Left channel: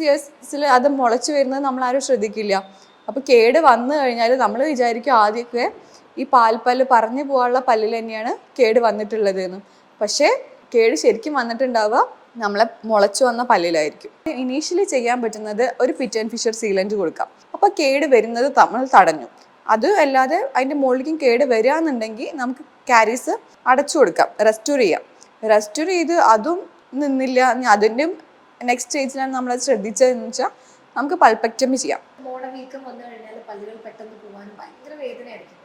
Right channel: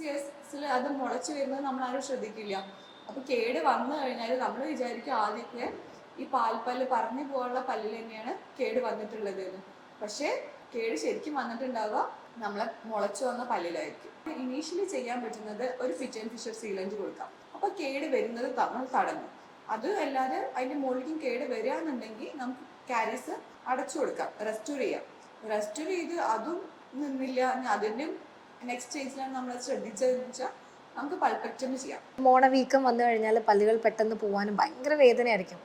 Six ഇയേഴ്സിൽ അത് മുളച്ചു വരുന്നത് ആരും ശ്രദ്ധിക്കില്ല. അപ്പോൾ കേട് വന്നു കഴിഞ്ഞാൽ നമ്മൾ വിചാരിക്കും ആദ്യമൊക്കെ ഈ പാൽപ്പല്ല് പറഞ്ഞു പോകാനുള്ള പല്ലിൽ തന്നെയാണ് കേട് വന്നിട്ടുള്ളത് എന്ന് പക്ഷേ കേട് ശരിക്കും വന്നിട്ടുണ്ടാവുക നമ്മളെ മുളച്ചു വന്ന പല്ലിലായിരിക്കും. ഇനീഷ്യലി ചെയ്യാൻ പറ്റുന്നത് ഒരു പിറ്റ് ആൻഡ് ഫിഷർ സീലന്റ് കൊടുക്കാം. അപ്പോൾ കേട് വരുന്നത് നമ്മൾ തടഞ്ഞു. അത് അല്ലാതെ അതിന്റെ മുകളിലേക്കും കേട് വരികയെന്നുണ്ടെങ്കിൽ നമുക്ക് കാരീസ് അടച്ചു കൊടുക്കാം. റെസ്റ്റോർ ചെയ്യാം. റെസ്റ്റോർ ചെയ്ത് അതും നിന്നില്ല അതിന്റെയും നെക്സ്റ്റ് സ്റ്റേജിലാണ് നമ്മൾ ശ്രദ്ധിച്ചതെന്ന് വെച്ചാൽ നമുക്ക് പൾപ്പക്ടമി ചെയ്യാം. മോണ വീക്കം വന്നു കഴിഞ്ഞാൽ പല്ലുകൾ പെട്ടെന്ന് പോകാനും ഭയങ്കര വേദനയായിരിക്കും.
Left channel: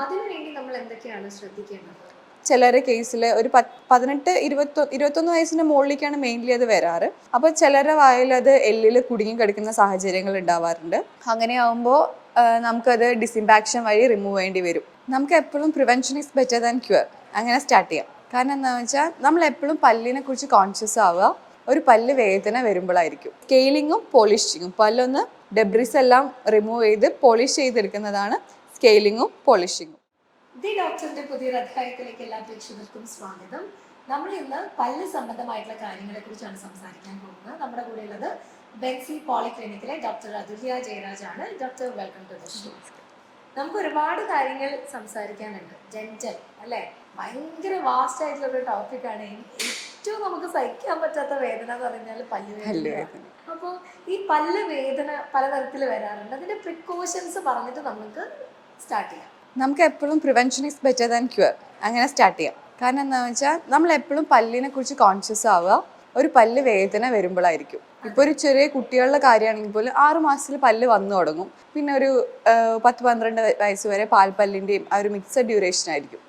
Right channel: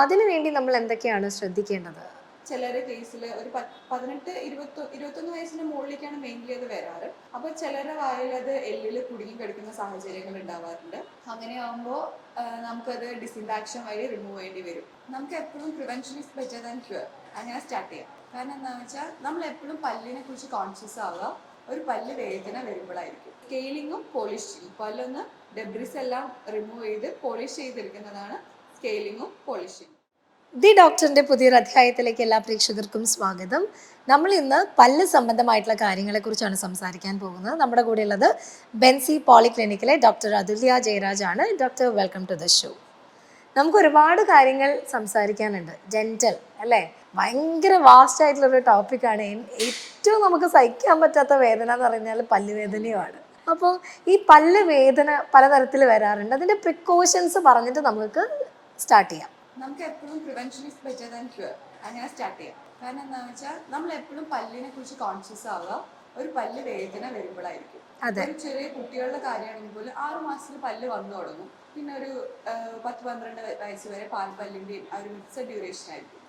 അതിനു വേണ്ടി നമ്മൾ എന്തൊക്കെയാണ് ശ്രദ്ധിക്കേണ്ടത്? ചിലരെ കേസിൽ ഒരു പത്ത് പതിനെട്ട് ഇരുപത്തൊ ഇരുപത്തൊന്ന് വയസ്സിന് മുകളിലേക്കാണ് മെയിൻലി അത് വരാറ്. അപ്പോൾ ചിലരുടെ വായിൽ അത് എല്ലിൽ കുടുങ്ങി കിടക്കുന്ന സാഹചര്യങ്ങൾ ഉണ്ടാവാറുണ്ട്. അങ്ങനെയാവുമ്പോൾ നമുക്കത് ഡിസിൻഫാക്ഷൻ വഴി റിമൂവ് ചെയ്യേണ്ടി വരും. നമുക്ക് എപ്പോഴും prevention is better than cure അങ്ങനെ സ്റ്റാർട്ട് ചെയ്യാം. കാരണം എന്താണെന്ന് വെച്ചാൽ നമ്മൾ എപ്പോഴും പല്ലിനെ കുറിച്ച് കോൺഷ്യസ് ആവുക. ഒരു പല്ല് വേദന വരുമ്പോഴായിരിക്കും സ്കെയിലിങ്ങും പോളിഷിങ്ങും. പല്ലൊന്ന് ഡെബ്രിസ് എല്ലാം റിമൂവ് ചെയ്ത് പോളിഷ് ചെയ്തെടുക്കുന്നതാണ് സ്കെയിലിങ്ങും പോളിഷിങ്ങും. ദി ഡോക്ടറിന്റെ പുതിയൊരു അധ്യായത്തിലേക്ക് എല്ലാ പ്രേക്ഷകർക്കും സ്വാഗതം. നമ്മൾ ഇന്ന് പല്ല് സംബന്ധമായിട്ടുള്ള കാര്യങ്ങളെക്കുറിച്ചാണ് സംസാരിക്കാൻ പോകുന്നത്. നമ്മുടെ കൂടെയുള്ളത് ബെൻസി പോളിക്ലിനിക്കിലെ ഡോക്ടർ അതുല്യ ജയരാജ് ആണ് doctor welcome to the show നമുക്ക് ഒരുപാട് കാര്യങ്ങൾ സംസാരിക്കാനുണ്ട്. ജെന്റൽ അല്ലേ? ഭയങ്കര വാസ്റ്റ് ആയിട്ടുള്ള ഒരു ടോപ്പിക്കാണ് ഏറ്റവും നമുക്ക് സഹിക്കാൻ പറ്റാത്ത വേദന എന്ന് പറഞ്ഞാൽ പല്ല് വേദനയുമാണ് അപ്പോൾ ഈ പല്ല് വേദന പലതരത്തിൽ വരാറുണ്ട്. അതിന്റെ പ്രിക്കോഷൻസ് പറഞ്ഞിട്ട് നമുക്ക് സ്റ്റാർട്ട് ചെയ്യാം. നമുക്ക് എപ്പോഴും prevention is better than cure അങ്ങനെ സ്റ്റാർട്ട് ചെയ്യാം. കാരണം എന്താണെന്ന് വെച്ചാൽ നമ്മൾ എപ്പോഴും പല്ലിനെ കുറിച്ച് കോൺഷ്യസ് ആവുക. ഒരു പല്ല് വേദന വരുമ്പോഴായിരിക്കും ഇപ്പൊ ഒരു ചെറിയ കുട്ടികളുടെ കാര്യമാണെങ്കിൽ പോലും ആറു മാസത്തിൽ പല്ല് വന്നു തുടങ്ങും. പിന്നെ ഒരു പത്ത് പന്ത്രണ്ട് വയ- വയസ്സ് വരെ പാൽപ്പല്ലിന്റെയും ആ ഒരു മിക്സഡ് ഡ്യൂറേഷൻ ആയിരിക്കും.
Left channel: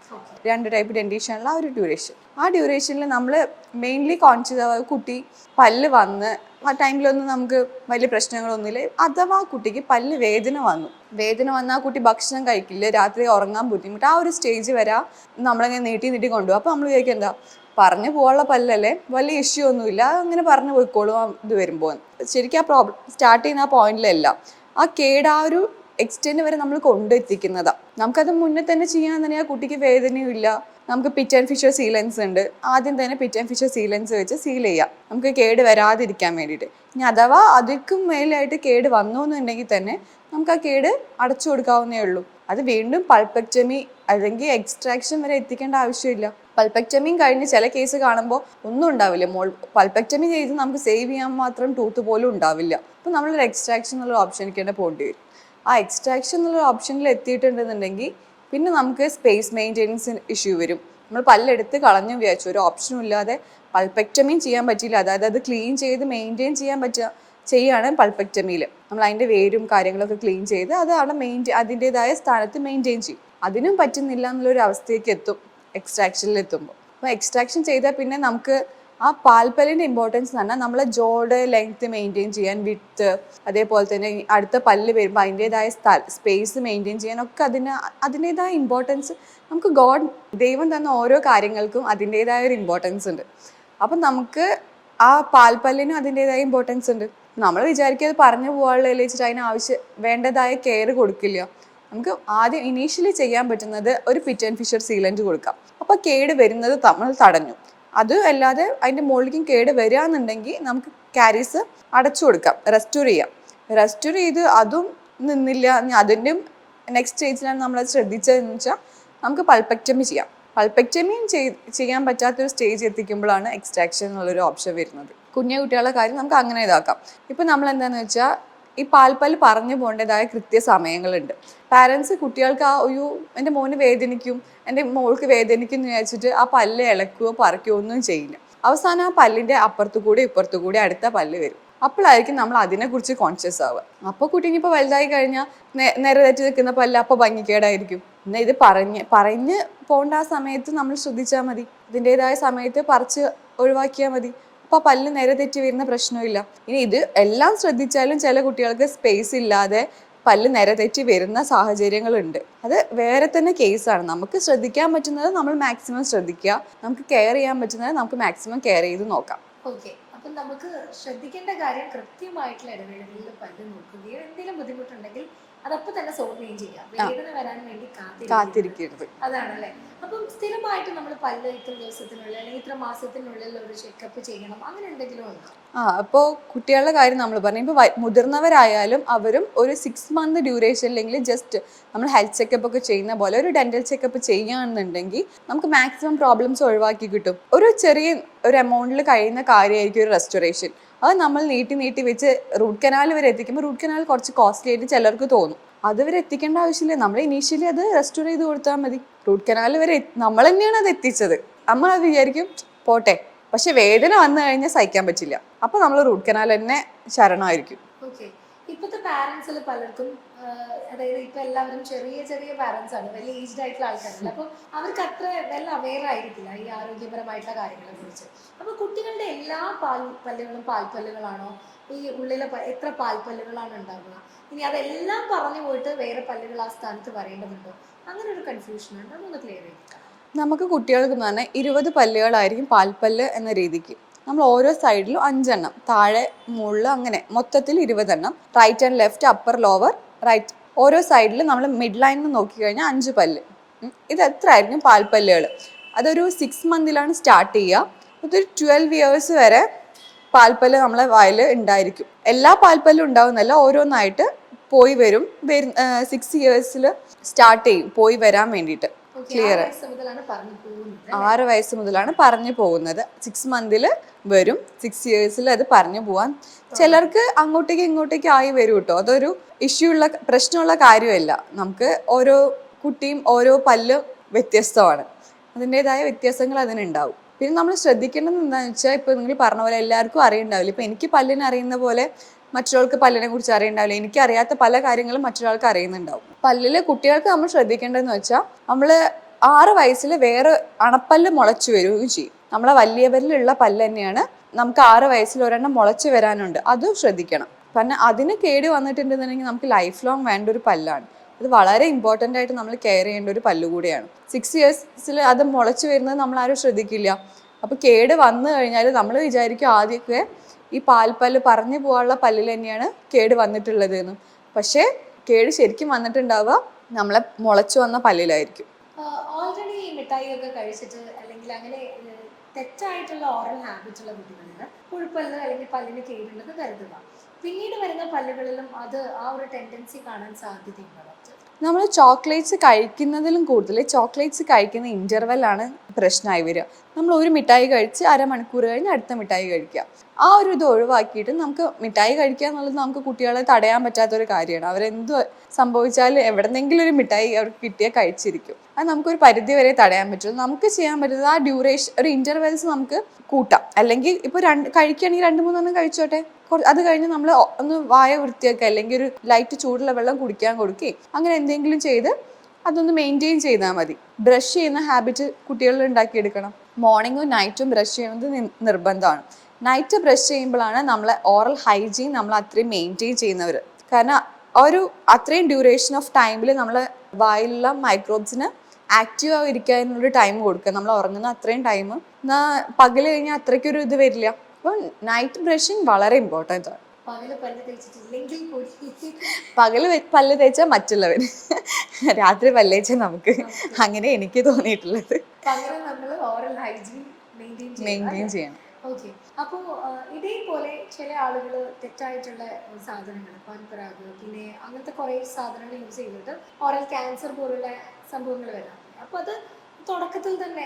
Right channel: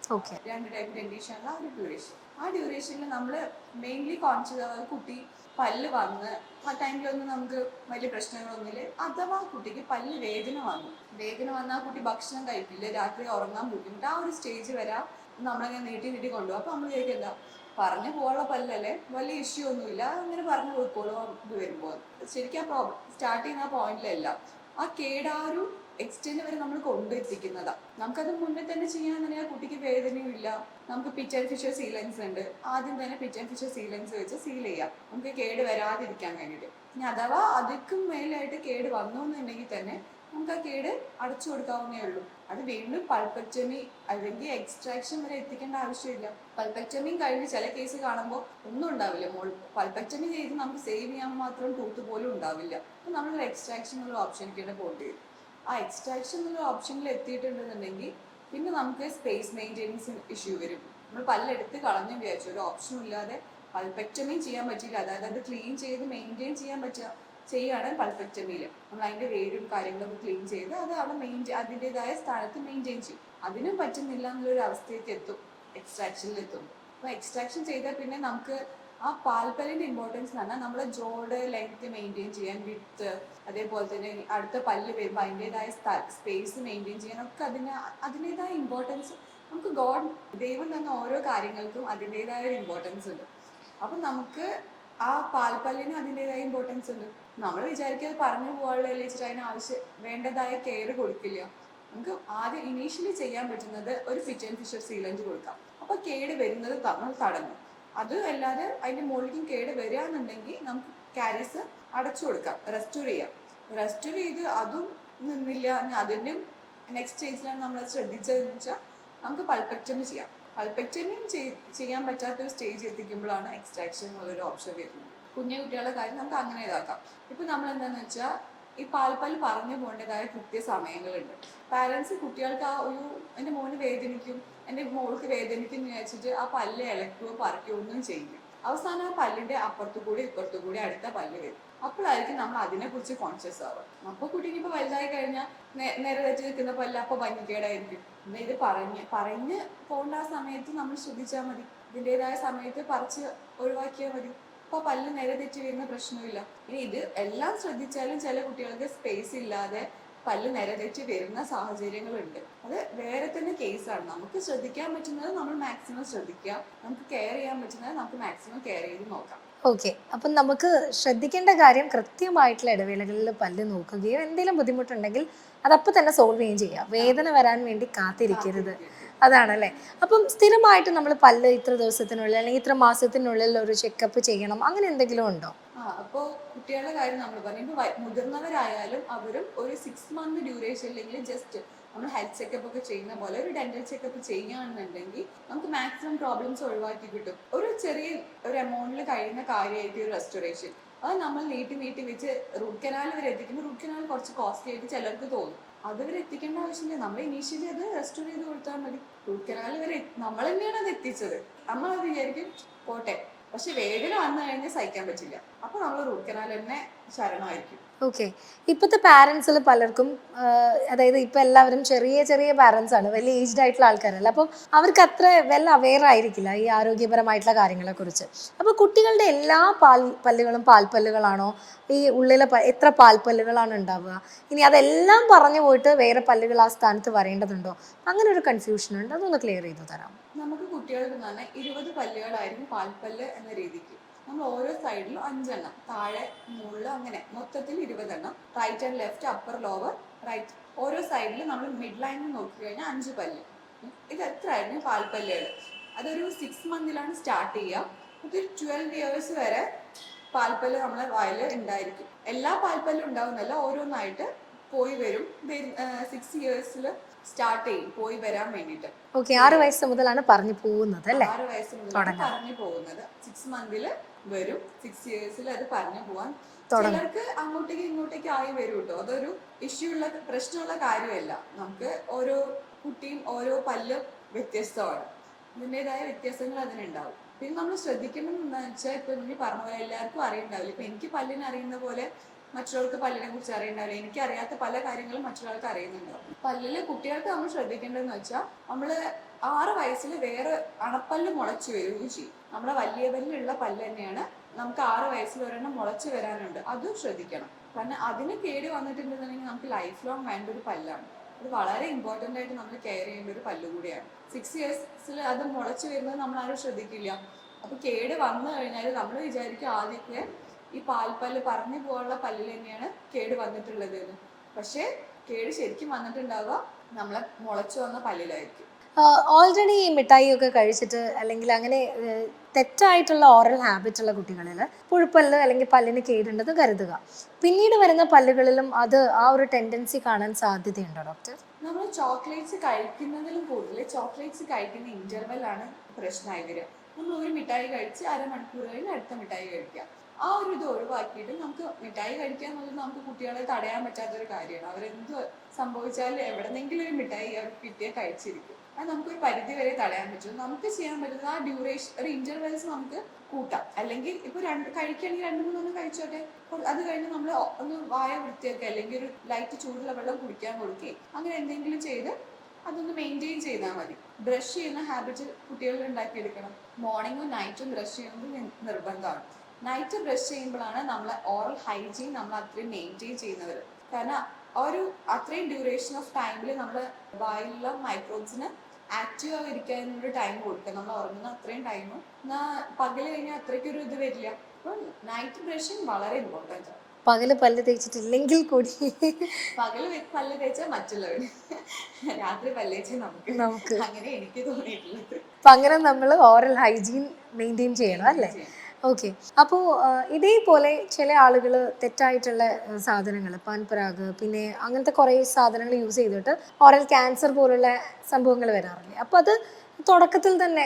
രണ്ട് ടൈപ്പ് ഡെന്റേഷനുള്ള ആ ഒരു ഡ്യൂറേഷൻ ആ ഡ്യൂറേഷനിൽ നമ്മൾ മെയിൻലി കോൺഷ്യസ് ആവുക കുട്ടി പല്ല് വന്ന് ആ ടൈമിലൊന്നും നമുക്ക് വലിയ പ്രശ്നങ്ങളൊന്നുമില്ല. അഥവാ കുട്ടിക്ക് പല്ല് വേദന വന്നു. വേദന വന്നാൽ ആ കുട്ടി ഭക്ഷണം കഴിക്കില്ല രാത്രി ഉറങ്ങാൻ ബുദ്ധിമുട്ട് ആ ഒരു സ്റ്റേജ് വരാ നമ്മളങ്ങനെ നീട്ടി നീട്ടി കൊണ്ടുപോകും. അപ്പോൾ നമ്മൾ വിചാരിക്കും എന്താ പറഞ്ഞു പോകാനുള്ള പല്ലല്ലേ? വലിയ ഇഷ്യൂ ഒന്നുമില്ല. അങ്ങനെ പറഞ്ഞു പോയിക്കോളും ഇത് വരുമ്പോൾ. ശരിക്കും ആ പ്രോബ്ലം സ്റ്റാർട്ട് ചെയ്യുന്ന ആ പോയിന്റിലല്ല ആ കേട് ആ ഒരു എക്സ്റ്റെൻഡ് വരെ നമ്മൾ കൊണ്ടെത്തിക്കുന്നതാണ് നമുക്കത് മുന്നേ തന്നെ ചെയ്യാൻ തന്നെ ആ കുട്ടിക്ക് വേദനയും ഇല്ല. നമുക്ക് പിറ്റ് ആൻഡ് ഫിഷർ സീലൻസ് ഉണ്ട്. ആദ്യം തന്നെ പിറ്റ് ആൻഡ് ഫിഷർ സീലൻസ് വെച്ച് സീൽ ചെയ്യാം. നമുക്ക് കേട് വരാതിരിക്കാൻ വേണ്ടിയിട്ട്. ഇനി അഥവാ അതിക്കും മേലായിട്ട് കേട് വന്നു എന്നുണ്ടെങ്കിൽ തന്നെ നമുക്ക് ആ കേട് അടച്ചു കൊടുക്കാവുന്നേ ഉള്ളൂ. അത് വീണ്ടും പൾപ്പക്ടമി അല്ലെങ്കിൽ എക്സ്ട്രാക്ഷൻ വരെ എത്തിക്കേണ്ട ആവശ്യമില്ല. പൾപ്പക്ടമിയും കഴിഞ്ഞ് ചില കേസ് കാണുമ്പോൾ ഒന്നും ഉണ്ടാവില്ല. മോൾ പൽപെക്ടമി ചെയ്ത് നമുക്ക് സേവ് ചെയ്യാൻ മാത്രം ടൂത്ത് പോലും ഉണ്ടാവില്ല. അപ്പോൾ നമ്മളൊരു എക്സ്ട്രാക്ഷൻ എന്നുള്ള ഓപ്ഷനിലേക്ക് തന്നെ പോകേണ്ടി വരും. ആ എക്സ്ട്രാക്ഷൻ എന്നുള്ള ഓപ്ഷനിൽ എത്തിയിട്ടുണ്ടെന്നുണ്ടെങ്കിൽ പിന്നെ നമുക്ക് സ്പേസ് മെയിന്റെനൻസ് ഇഷ്യൂ വരും. നമ്മൾ പല്ലെടുത്ത് കളഞ്ഞു വിചാരിച്ചു. ഒരു ഓപ്ഷനും ഇല്ലാതെ പൾപ്പക്ടമിയും ചെയ്യാൻ പറ്റിയില്ല. അതായത് അത് ക്ലീൻ ചെയ്ത് മെയിന്റെയിൻ ചെയ്യാൻ പറ്റുക ചെയ്യാണ് പൾപ്പക്ടമിയിൽ നമ്മൾ അതിന്റെ വേരും കാര്യങ്ങളൊക്കെ ക്ലീൻ ചെയ്ത് അത് അവിടെ മെയിന്റെയിൻ അതിന്റെതായ സ്ഥാനത്ത് മെയിന്റെയിൻ ചെയ്യും. അതിനും പറ്റുന്നില്ല എന്നുള്ളൊരു അവസ്ഥയ്ക്ക് എത്തും. എക്സ്ട്രാക്ഷനിൽ എത്തുമ്പോൾ അപ്പോൾ എക്സ്ട്രാക്ഷൻ ചെയ്താൽ പിന്നെ നമുക്ക് ആ പാൽപ്പല്ലിന്റെ ഇമ്പോർട്ടൻസ് എന്ന് പറഞ്ഞാൽ നമ്മളെ ജോഡ് ലെങ്ത് മെയിന്റെയിൻ ചെയ്യാൻ വിത്ത് അതേപോലെ തന്നെ അടുത്ത പല്ല് വരുമ്പോൾ അതിന്റെതായ സ്പേസ് മെയിന്റെയിൻ ചെയ്യാനൊക്കെ അതിന് അതിന്റെതായ ഇമ്പോർട്ടൻസ് നമുക്ക് ഗോഡ് ദൈവം തന്ന ഓരോ കാര്യങ്ങൾക്കും അതിന്റെതായ ഒരു ഇമ്പോർട്ടൻസ് ഉണ്ട്. അപ്പം നമുക്ക് ആ പാൽപ്പല്ലിനും അതിന്റെതായ ഇമ്പോർട്ടൻസ് ഉണ്ട്. നമ്മൾ വിചാരിക്കുക അത് പറഞ്ഞു പോകാനുള്ള വെച്ചിട്ട് അതിന് ആവശ്യം വേണ്ടതായ കെയർ കൊടുക്കില്ല. നമുക്ക് ആദ്യം ഇനീഷ്യലി ചെയ്യാൻ പറ്റുന്നത് ഒരു പിറ്റ് ആൻഡ് ഫിഷർ സീലന്റ് കൊടുക്കാം. അപ്പോൾ കേട് വരുന്നത് നമ്മൾ തടഞ്ഞു. അത് അല്ലാതെ അതിന്റെ മുകളിലേക്കും കേട് വരികയെന്നുണ്ടെങ്കിൽ നമുക്ക് കാരീസ് അടച്ചു കൊടുക്കാം. റെസ്റ്റോർ ചെയ്യാം. റെസ്റ്റോർ ചെയ്ത് അതും നിന്നില്ല. അതിന്റെയും നെക്സ്റ്റ് സ്റ്റേജിലാണ് നമ്മൾ ശ്രദ്ധിച്ചതെന്ന് വെച്ചാൽ നമുക്ക് പൾപ്പക്റ്റമി ചെയ്യാം. പൾപ്പക്റ്റമിയും ചെയ്യാൻ പറ്റാത്തൊരു സ്റ്റേജ് എത്തിക്കുമ്പോഴാണ് എക്സ്ട്രാക്ഷൻ എന്നുള്ളൊരു ഓപ്ഷൻ വരുന്നത്. കുഞ്ഞു കുട്ടികളുടെ കാര്യം നമുക്ക് അങ്ങനെ ഇതാക്കാം. ഇപ്പം നമ്മൾ എന്താണെന്ന് വെച്ചാൽ ഈ പാൽപ്പല്ല് പറഞ്ഞു പോകേണ്ടതായ കൃത്യ സമയങ്ങളുണ്ട് പാരൻസ് കുട്ടികൾക്ക് ആ ഒരു എന്റെ മോന് വേദനിക്കും എന്റെ മോൾക്ക് വേദനിക്കും എന്ന് വിചാരിച്ചിട്ട് ആ പല്ല് ഇളക്കുകയോ പറിക്കുകയോ ഒന്നും ചെയ്യില്ല. അവസാനം ആ പല്ലിന്റെ അപ്പുറത്തു കൂടി ഇപ്പുറത്തു കൂടി അടുത്ത പല്ല് വരും. അപ്പോഴായിരിക്കും നമ്മൾ അതിനെക്കുറിച്ച് കോൺഷ്യസ് ആവുക. അപ്പോൾ കുട്ടി ഇപ്പോൾ വലുതായി കഴിഞ്ഞാൽ നേരെ തെറ്റി നിൽക്കുന്ന പല്ല് അപ്പോൾ ഭംഗിക്കേടായിരിക്കും. എന്നാൽ ഇത് പറഞ്ഞ് പറഞ്ഞ് പോകേണ്ട ആ സമയത്ത് നമ്മൾ ശ്രദ്ധിച്ചാൽ മതി. ഇതിന്റെതായ സമയത്ത് പറിച്ച് ഒഴിവാക്കിയാൽ മതി. അപ്പോൾ പല്ല് നേരെ തെറ്റി വരുന്ന പ്രശ്നമില്ല. ഇനി ഇത് എല്ലാം ശ്രദ്ധിച്ചാലും ചില കുട്ടികൾക്ക് സ്പേസ് ഇല്ലാതെ പല്ല് നേരെ തെറ്റി വരുന്ന സാഹചര്യങ്ങളുണ്ട്. അത് വേറെ തന്നെ കേസാണ് നമുക്ക് ശ്രദ്ധിക്കാൻ പറ്റുന്നത് നമ്മൾ മാക്സിമം ശ്രദ്ധിക്കുക. നമുക്ക് കെയർ ചെയ്യാൻ പറ്റുന്നത് നമുക്ക് മാക്സിമം കെയർ ചെയ്ത് നോക്കാം. ഓക്കെ അപ്പം നമുക്ക് ശ്രദ്ധിക്കേണ്ട കാര്യം കൃത്യമായിട്ടുള്ള ഇടവേളകളിൽ പല്ല് നോക്കുകയോ എന്തെങ്കിലും ബുദ്ധിമുട്ടുണ്ടെങ്കിൽ അതപ്പോൾ തന്നെ സോൾവ് ചെയ്യുകയും ചെയ്യാം. വേദന വരാൻ വേണ്ടി കാത്തിരിക്കരുത്. കാത്തിരിക്കരുത്. അതാണല്ലേ? അപ്പം സ്ഥിരമായിട്ട് നമ്മൾ പല്ല് ഇത്ര ദിവസത്തിനുള്ളിൽ അല്ലെങ്കിൽ ഇത്ര മാസത്തിനുള്ളിൽ ഒരു ചെക്കപ്പ് ചെയ്യണം. അങ്ങനെ എന്തെങ്കിലും ഉണ്ടോ? ആ അപ്പോൾ കുട്ടികളുടെ കാര്യം നമ്മൾ പറഞ്ഞു. ഇപ്പോൾ മുതിർന്നവരായാലും അവരും ഒരു സിക്സ് മന്ത് ഡ്യൂറേഷൻ അല്ലെങ്കിൽ ജസ്റ്റ് നമ്മൾ ഹെൽത്ത് ചെക്കപ്പ് ഒക്കെ ചെയ്യുന്ന പോലെ ഒരു ഡെന്റൽ ചെക്കപ്പ് ചെയ്യുകയാണെന്നുണ്ടെങ്കിൽ നമുക്ക് മാക്സിമം പ്രോബ്ലംസ് ഒഴിവാക്കി കിട്ടും. ഒരു ചെറിയ ഒരു എമൗണ്ടിൽ കഴിയുന്ന കാര്യമായിരിക്കും ഒരു റെസ്റ്റോറേഷൻ അത് നമ്മൾ നീട്ടി നീട്ടി വെച്ച് റൂട്ട് കനാൽ വരെ എത്തിക്കുമ്പോൾ റൂട്ട് കനാൽ കുറച്ച് കോസ്റ്റ്ലി ആയിട്ട് ചിലർക്ക് തോന്നും. അത് വരെ എത്തിക്കേണ്ട ആവശ്യമില്ല. നമ്മൾ ഇനീഷ്യലി അത് റെസ്റ്റോർ ചെയ്ത് കൊടുത്താൽ മതി. റൂട്ട് കനാൽ വരെ നമ്മൾ തന്നെയാണ് അത് എത്തിച്ചത്. നമ്മൾ അത് വിചാരിക്കും പോട്ടെ. പക്ഷെ വേദന വന്നു കഴിഞ്ഞാൽ സഹിക്കാൻ പറ്റില്ല. അപ്പോൾ നമ്മൾ റൂട്ട് കനാൽ തന്നെ ശരണമായിരിക്കും. ഓക്കെ ഇപ്പോഴത്തെ പാരൻസിൽ പലർക്കും അതായത് ഇപ്പം എല്ലാവരും ചെറിയ ചെറിയ പാരൻസ് ആണ് വലിയ ഏജ്ഡ് ആയിട്ടുള്ള ആൾക്കാരല്ല. അപ്പോൾ അവർക്ക് അത്ര വെൽ അവെയർ ആയിരിക്കില്ല ഈ ആരോഗ്യപരമായിട്ടുള്ള കാര്യങ്ങളെക്കുറിച്ച് അപ്പോൾ അപ്പൊ കുട്ടികളുടെ എല്ലാ പാൽ പല്ലുകളും പാൽപ്പല്ലുകളാണോ? ഈ ഉള്ളിലെ എത്ര പാൽപ്പല്ലുകളാണ് ഉണ്ടാവുക? ഇനി അതെല്ലാം പറഞ്ഞു പോയിട്ട് വേറെ പല്ലുകൾ ആ സ്ഥാനത്ത് വരേണ്ടതുണ്ടോ? അങ്ങനെ ഒരു കൺഫ്യൂഷൻ ഉണ്ട്. അതൊന്ന് ക്ലിയർ ചെയ്ത് തരാം നമുക്ക് കുട്ടികൾക്ക് എന്ന് പറഞ്ഞാൽ ഇരുപത് പല്ലുകളായിരിക്കും പാൽപ്പല്ല് എന്ന രീതിക്ക്. നമ്മൾ ഓരോ സൈഡിലും അഞ്ചെണ്ണം. താഴെ മുകളിൽ അങ്ങനെ. മൊത്തത്തിൽ ഇരുപതെണ്ണം. Right and left upper lower right ഓരോ സൈഡിൽ നമ്മൾ മിഡ് ലൈനിൽ നോക്കിക്കഴിഞ്ഞാൽ അഞ്ച് പല്ല്. ഇത് എത്ര ആയിരിക്കും പാൽപ്പല്ലുകൾ അതൊരു സിക്സ് മന്തിലാണ് സ്റ്റാർട്ട് ചെയ്യുക ഇതൊരു ട്വൽവ് ഇയേഴ്സ് വരെ പാൽപ്പല്ല് നമ്മളെ വായിൽ ഉണ്ടായിരിക്കും. എല്ലാ പാൽപ്പല്ലും ഉണ്ടാവുന്നല്ല ഓരോന്നായിട്ട് പോയി വരും. സിക്സ് ഇയേഴ്സിൽ സ്റ്റാർട്ട് ചെയ്യും. പോയി വരാൻ വേണ്ടിയിട്ട്. ആറ് വയസ്സ് മുതലാണ് പറഞ്ഞു പോകുന്നത് ആറ് വയസ്സ് മുതലാണ് പറഞ്ഞു പോകുന്നത്. സിക്സ് മന്തിൽ വരും. സിക്സ് ഇയേഴ്സിൽ അത് പറഞ്ഞു പോവാൻ ചിലർക്ക് അങ്ങോട്ടേക്ക് ഇങ്ങോട്ടേക്ക് ആയി വരും കേട്ടോ. അതൊരു ഇഷ്യൂ ഉള്ള പ്രശ്നമുള്ള കാര്യമല്ല. നമുക്ക് ഓരോ കുട്ടിയും ഓരോ പല്ല് വ്യത്യസ്തമാണ്. അതിന്റെതായ വ്യത്യാസങ്ങൾ അതിനുണ്ടാവും. പിന്നെ നമ്മൾ ശ്രദ്ധിക്കേണ്ടത് എന്താണെന്ന് വെച്ചാൽ ഇപ്പോൾ നിങ്ങൾ പറഞ്ഞ പോലെ എല്ലാവർക്കും അറിയുണ്ടാവില്ല ഇപ്പൊ എനിക്ക് പല്ലിനെ അറിയുന്ന പോലെ മറ്റൊരാൾക്ക് പല്ലിനെ കുറിച്ച് അറിയണ്ടാവില്ല. എനിക്ക് അറിയാത്ത പല കാര്യങ്ങളും മറ്റൊരാൾക്ക് അറിയുന്നുണ്ടാവും. പല്ലിൽ കുട്ടികൾക്ക് നമ്മൾ ശ്രദ്ധിക്കേണ്ടതെന്ന് വെച്ചാൽ നമ്മൾ ആറ് വയസ്സിൽ വേറെ അണപ്പല്ല് മുളച്ചു വരികയും ചെയ്യും. നമ്മളെ വലിയവരിലുള്ള പല്ല് തന്നെയാണ് നമുക്ക് ആറ് വയസ്സിൽ ഒരെണ്ണം മുളച്ചു വരാനുണ്ട്. അതും ശ്രദ്ധിക്കണം. കാരണം അതിന് കേട് വന്നിട്ടുണ്ടെന്നുണ്ടെങ്കിൽ നമുക്ക് ലൈഫ് ലോങ് വേണ്ട ഒരു പല്ലാണ്. അത് വളരെ ഇമ്പോർട്ടന്റ് ആയിട്ട് നമ്മൾ കെയർ ചെയ്യേണ്ട ഒരു പല്ല് കൂടിയാണ്. സിക്സ് ഇയേഴ്സിൽ അത് മുളച്ചു വരുന്നത് നമ്മൾ ആരും ശ്രദ്ധിക്കില്ല. അപ്പോൾ കേട് വന്നു കഴിഞ്ഞാൽ നമ്മൾ വിചാരിക്കും ആദ്യമൊക്കെ ഈ പാൽപ്പല്ല് പറഞ്ഞു പോകാനുള്ള പല്ലിൽ തന്നെയാണ് കേട് വന്നിട്ടുള്ളത് എന്ന് പക്ഷേ കേട് ശരിക്കും വന്നിട്ടുണ്ടാവുക നമ്മളെ മുളച്ചു വന്ന പല്ലിലായിരിക്കും. ഓൾറെഡി ഈ മിഠായി ഒക്കെ കഴിച്ചിട്ട് അല്ലെങ്കിൽ അങ്ങനെ തെറ്റായിട്ടുള്ള ഓറൽ ഹാബിറ്റ് ഉള്ള കുട്ടികളിൽ പുഴുപ്പല്ല് അല്ലെങ്കിൽ പല്ലിന് കേടുണ്ടെന്ന് കരുതുക. പിന്നീട് വരുന്ന പല്ലുകളിലും അത് ആ ഒരു ടെൻഡൻസി കാണാൻ സാധ്യതയുണ്ടോ ഡോക്ടർ നമ്മൾ ചോക്ലേറ്റ്സ് കഴിക്കുന്നതിലും കൂടുതൽ ചോക്ലേറ്റ്സ് കഴിക്കുന്ന ഇന്റർവെല്ലാണ് പ്രശ്നമായി വരിക. നമ്മൾ ഒരു മിഠായി കഴിച്ച് അരമണിക്കൂർ കഴിഞ്ഞ് അടുത്ത മിഠായി കഴിക്കുക ആ ഒരു ഇത് ഒഴിവാക്കിയിട്ട് നമുക്ക് മിഠായി കഴിക്കുക എന്നുള്ളത് നമുക്ക് കുട്ടികളെ തടയാൻ പറ്റാത്ത ഒരു കാര്യമാണ്. അവരെന്ത് സംഭവിച്ചാലും എവിടെന്നെങ്കിലും ഒരു മിഠായി അവർക്ക് കിട്ടിയാൽ കഴിച്ചിരിക്കും. അത് നമുക്കൊരു പരിധി വരെ തടയാൻ പറ്റും. നമുക്ക് ചെയ്യാൻ പറ്റുന്നത് ആ ഡ്യൂറേഷൻ ഒരു ഇന്റർവെൽസ് നമുക്ക് കൂട്ടാം. അല്ലെങ്കിൽ ഇപ്പോൾ രണ്ട് കഴിക്കുകയാണെങ്കിൽ രണ്ട് മൂന്നെണ്ണം കഴിച്ചോട്ടെ. അത് കഴിഞ്ഞ് നമ്മൾ ഒന്ന് വായ വൃത്തിയാക്കുക അല്ലെങ്കിൽ ഒരു ലൈറ്റ് ചൂടുള്ള വെള്ളം കുടിക്കാൻ കൊടുക്കുകയും അങ്ങനെ എന്തെങ്കിലും ചെയ്ത് അതൊന്ന് മെയിന്റെയിൻ ചെയ്താൽ മതി. ബ്രഷ് ചെയ്യുന്ന ഹാബിറ്റ് കുട്ടികളിൽ ഉണ്ടാക്കിയെടുക്കണം. മോർണിംഗും നൈറ്റും ബ്രഷ് ചെയ്യുന്നത് നിർബന്ധമാണ്. നൈറ്റ് ബ്രഷ് ചെയ്യുമ്പോഴാണ് നമ്മളെ ഓറൽ ഹൈജീൻ നമ്മൾ അത്രയും മെയിന്റെയിൻ ചെയ്യുന്നവർ കാരണം ഒരു അത്രയും ഡ്യൂറേഷൻ ഓഫ് ടൈമിൽ നമ്മൾ വായിലുള്ള മൈക്രോബ്സിന് ആക്റ്റീവ് ആയിരിക്കാനുള്ള ടൈം കൊടുക്കുക. നമ്മൾ ഉറങ്ങുന്ന അത്രയും ടൈം എന്നാൽ പകൽ കഴിഞ്ഞാൽ അത്രയ്ക്കൊരു ഇത് വരില്ല. അപ്പം നൈറ്റ് ബ്രഷിങ് വളരെ ഇമ്പോർട്ടന്റ് ആണ്. പകൽ പല്ല് തേച്ചിട്ടില്ലെങ്കിൽ കൂടി പകൽ പല്ല് തേച്ചാൽ മറ്റുള്ളവർ രാത്രി പല്ല് തേച്ചാൽ നമുക്ക്. അങ്ങനെ എനിക്ക് തോന്നിയിട്ടുള്ളത്. അപ്പൊ അങ്ങനെ നമ്മൾ ഓറൽ ഹൈജീൻ മെയിന്റെയിൻ ചെയ്യണം ഓക്കെ. അപ്പോൾ ഇതേപോലെ ചില ആളുകൾ തെറ്റായിട്ടുള്ള സാധനങ്ങൾ പാൻപരാഗ് പിന്നെ അങ്ങനത്തെ കുറേ സാധനങ്ങൾ യൂസ് ചെയ്തിട്ട് ഓറൽ ക്യാൻസർ പോലുള്ള സംഭവങ്ങൾ വരാറില്ലേ? അപ്പോൾ അത് തുടക്കത്തിൽ തന്നെ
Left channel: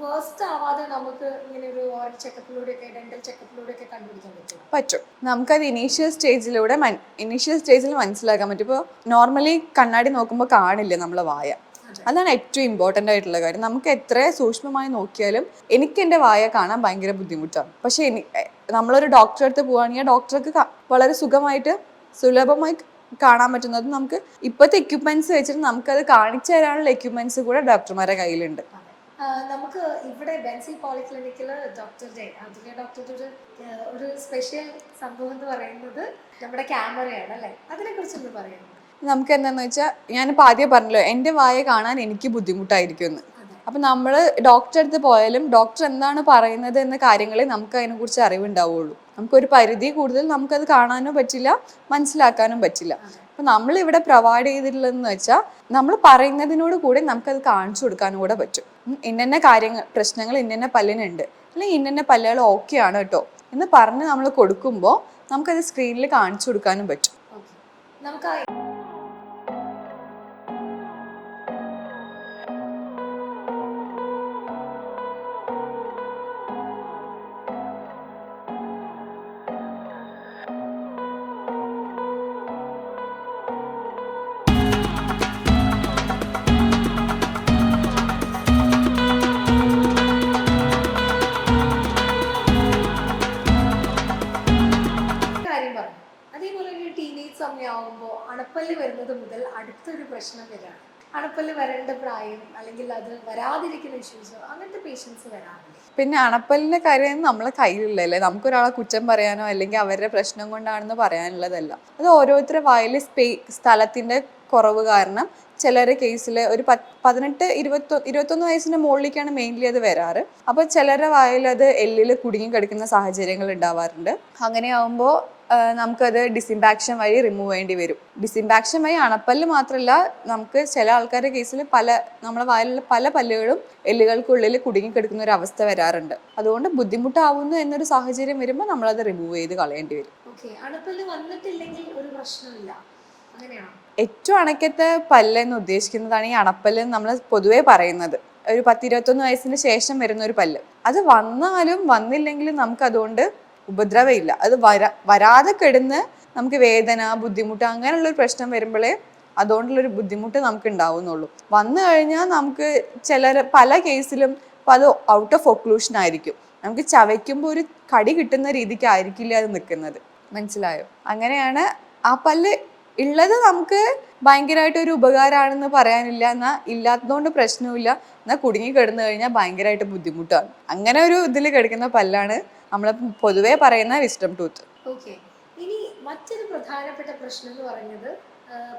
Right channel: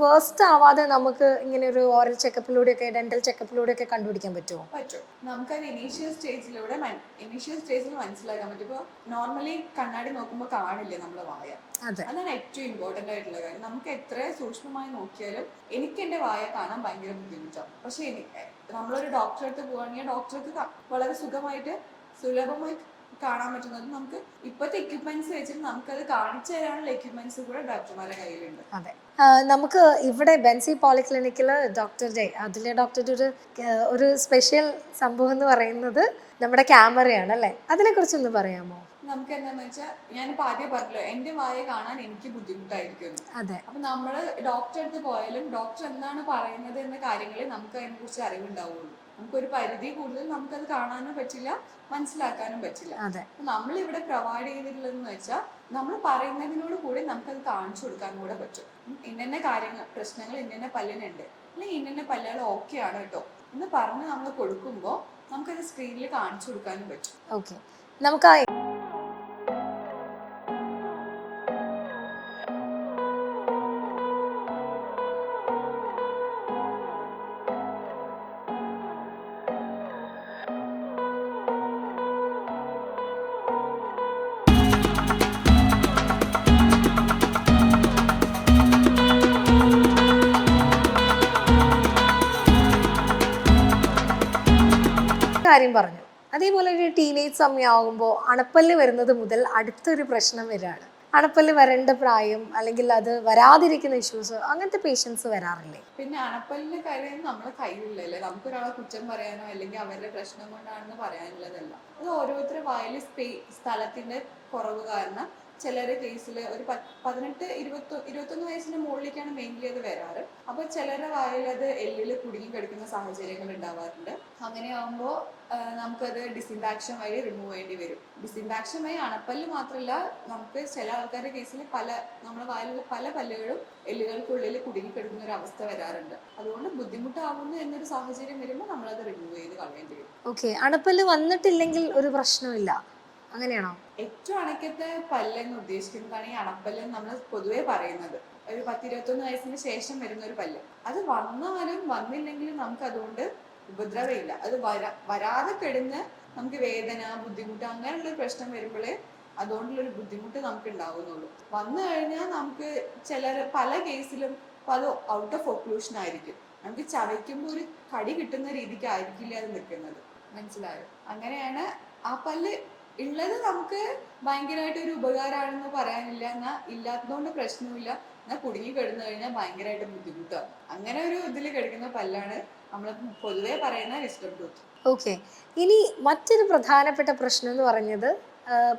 വേസ്റ്റ് ആവാതെ നമുക്ക് ഇങ്ങനെ ഒരു ഓറൽ ചെക്കപ്പിലൂടെയൊക്കെ ഡെന്റൽ ചെക്കപ്പിലൂടെയൊക്കെ കണ്ടുപിടിക്കാൻ പറ്റുമോ? പറ്റും. നമുക്കത് ഇനീഷ്യൽ സ്റ്റേജിലൂടെ ഇനീഷ്യൽ സ്റ്റേജിൽ മനസ്സിലാക്കാൻ പറ്റും. ഇപ്പോൾ നോർമലി കണ്ണാടി നോക്കുമ്പോൾ കാണില്ല നമ്മളെ വായ? അതെ. അതാണ് ഏറ്റവും ഇമ്പോർട്ടന്റ് ആയിട്ടുള്ള കാര്യം. നമുക്ക് എത്ര സൂക്ഷ്മമായി നോക്കിയാലും എനിക്ക് എന്റെ വായ കാണാൻ ഭയങ്കര ബുദ്ധിമുട്ടാണ്. പക്ഷേ നമ്മളൊരു ഡോക്ടറെ അടുത്ത് പോവുകയാണെങ്കിൽ ഡോക്ടർക്ക് വളരെ സുഖമായിട്ട് സുലഭമായി കാണാൻ പറ്റുന്നത് നമുക്ക് ഇപ്പോഴത്തെ എക്യുപ്മെന്റ്സ് വെച്ചിട്ട് നമുക്കത് കാണിച്ചു തരാനുള്ള എക്യുപ്മെന്റ്സ് കൂടെ ഡോക്ടർമാരുടെ കയ്യിലുണ്ട്. അതെ. നമുക്ക് ഇവിടെ ബെൻസി പോളിക്ലിനിക്കിൽ ഡോക്ടറുടെ അതിലെ ഡോക്ടറുടെ ഒരു ഒരു സ്പെഷ്യൽ സംഭവം എന്ന് പറയുന്നത് നമ്മുടെ ക്യാമറയാണ് അല്ലേ? അതിനെ കുറിച്ചൊന്ന് പറയാമോ? നമുക്ക് എന്താന്ന് വെച്ചാൽ ഞാനിപ്പോൾ ആദ്യം പറഞ്ഞല്ലോ എന്റെ വായ കാണാൻ എനിക്ക് ബുദ്ധിമുട്ടായിരിക്കും എന്ന് അതെ. അപ്പം നമ്മൾ ഡോക്ടറെ അടുത്ത് പോയാലും ഡോക്ടർ എന്താണ് പറയുന്നത് എന്ന കാര്യങ്ങളെ നമുക്ക് അതിനെക്കുറിച്ച് അറിവുണ്ടാവുള്ളൂ. നമുക്കൊരു പരിധി കൂടുതൽ നമുക്കത് കാണാനും പറ്റില്ല മനസ്സിലാക്കാനും പറ്റില്ല. അതെ. അപ്പൊ നമ്മൾ ഇവിടെ പ്രൊവൈഡ് ചെയ്തിട്ടുള്ളതെന്ന് വെച്ചാൽ നമ്മൾ പറയുന്നതിനോട് കൂടെ നമുക്കത് കാണിച്ചു കൊടുക്കാനും കൂടെ പറ്റും. ഉം ഇന്നന്ന കാര്യങ്ങൾ പ്രശ്നങ്ങൾ ഇന്ന പല്ലിനുണ്ട്. അല്ലെങ്കിൽ ഇന്ന പല്ലുകൾ ഓക്കെ ആണ് കേട്ടോ എന്ന് പറഞ്ഞ് നമ്മൾ കൊടുക്കുമ്പോൾ നമുക്കത് സ്ക്രീനിൽ കാണിച്ചു കൊടുക്കാനും പറ്റും. ഓക്കെ നമുക്ക് ആ പറഞ്ഞു. അതേപോലെ ഒരു ടീനേജ് സമയമാകുമ്പോൾ അണപ്പല്ല് വരുന്നത് മുതൽ അടുത്തൊരു പ്രശ്നം വരികയാണ് അണപ്പല്ല് വരേണ്ട പ്രായം അല്ലെങ്കിൽ അത് വരാതിരിക്കുന്ന ഇഷ്യൂസ് അങ്ങനത്തെ പേഷ്യൻസ് വരാറില്ലേ? പിന്നെ അണപ്പല്ലിന്റെ കാര്യം നമ്മളെ കയ്യിലില്ലല്ലേ? നമുക്കൊരാളെ കുറ്റം പറയാനോ അല്ലെങ്കിൽ അവരുടെ പ്രശ്നം കൊണ്ടാണെന്ന് പറയാനുള്ളതല്ല. അത് ഓരോരുത്തരുടെ സ്പേ സ്ഥലത്തിന്റെ കുറവ് കാരണം ചിലരുടെ കേസിൽ ഒരു പതിനെട്ട് ഇരുപത്തൊ ഇരുപത്തൊന്ന് വയസ്സിന്റെ മുകളിലേക്കാണ് മെയിൻലി അത് വരാറ്. അപ്പോൾ ചിലരെ വായിൽ അത് എല്ലിൽ കുടുങ്ങി കിടക്കുന്ന സാഹചര്യങ്ങൾ ഉണ്ടാവാറുണ്ട്. അങ്ങനെ അങ്ങനെയാവുമ്പോൾ നമുക്കത് ഡിസിമ്പാക്ഷൻ വഴി റിമൂവ് ചെയ്യേണ്ടി വരും. ഡിസിംബാക്ഷൻ വഴി അണപ്പല്ല് മാത്രമല്ല നമുക്ക് ചില ആൾക്കാരുടെ കേസിൽ പല നമ്മുടെ വായിലുള്ള പല പല്ലുകളും എല്ലുകൾക്കുള്ളിൽ കുടുങ്ങി കിടക്കുന്ന ഒരു അവസ്ഥ വരാറുണ്ട്. അതുകൊണ്ട് ബുദ്ധിമുട്ടാവുന്നു എന്നൊരു സാഹചര്യം വരുമ്പോൾ നമ്മളത് റിമൂവ് ചെയ്ത് കളയേണ്ടി വരും. ഓക്കെ അണപ്പല്ല് വന്നിട്ടില്ലെങ്കിൽ ഒരു പ്രശ്നമില്ല. അങ്ങനെയാണോ? ഏറ്റവും അണക്കത്തെ പല്ല് എന്ന് ഉദ്ദേശിക്കുന്നതാണ് ഈ അണപ്പല്ല് നമ്മൾ പൊതുവേ പറയുന്നത്. ഒരു പത്തിരുപത്തൊന്ന് വയസ്സിന് ശേഷം വരുന്ന ഒരു പല്ല്. അത് വന്നാലും വന്നില്ലെങ്കിലും നമുക്ക് അതുകൊണ്ട് ഉപദ്രവമില്ല. അത് വരാ വരാതെ കിടന്ന് നമുക്ക് വേദന ബുദ്ധിമുട്ട് അങ്ങനെയുള്ള ഒരു പ്രശ്നം വരുമ്പോഴേ അതുകൊണ്ടുള്ളൊരു ബുദ്ധിമുട്ട് നമുക്ക് ഉണ്ടാവുന്നുള്ളൂ. വന്നു കഴിഞ്ഞാൽ നമുക്ക് ചില പല കേസിലും അത് ഔട്ട് ഓഫ് ഒക്ലൂഷൻ ആയിരിക്കും. നമുക്ക് ചവയ്ക്കുമ്പോൾ ഒരു കടി കിട്ടുന്ന രീതിക്ക് ആയിരിക്കില്ല അത് നിൽക്കുന്നത്. മനസ്സിലായോ? അങ്ങനെയാണ് ആ പല്ല് ഉള്ളത് നമുക്ക് ഭയങ്കരമായിട്ട് ഒരു ഉപകാരമാണെന്ന് പറയാനില്ല. എന്നാൽ ഇല്ലാത്തതുകൊണ്ട് പ്രശ്നമില്ല എന്നാൽ കുടുങ്ങി കിടന്നു കഴിഞ്ഞാൽ ഭയങ്കരമായിട്ട് ബുദ്ധിമുട്ടാണ്. അങ്ങനെ ഒരു ഇതിൽ കിടക്കുന്ന പല്ലാണ് നമ്മൾ പൊതുവേ പറയുന്ന വിസ്റ്റം ടൂത്ത് ഓക്കെ ഇനി മറ്റൊരു പ്രധാനപ്പെട്ട പ്രശ്നം എന്ന് പറഞ്ഞത്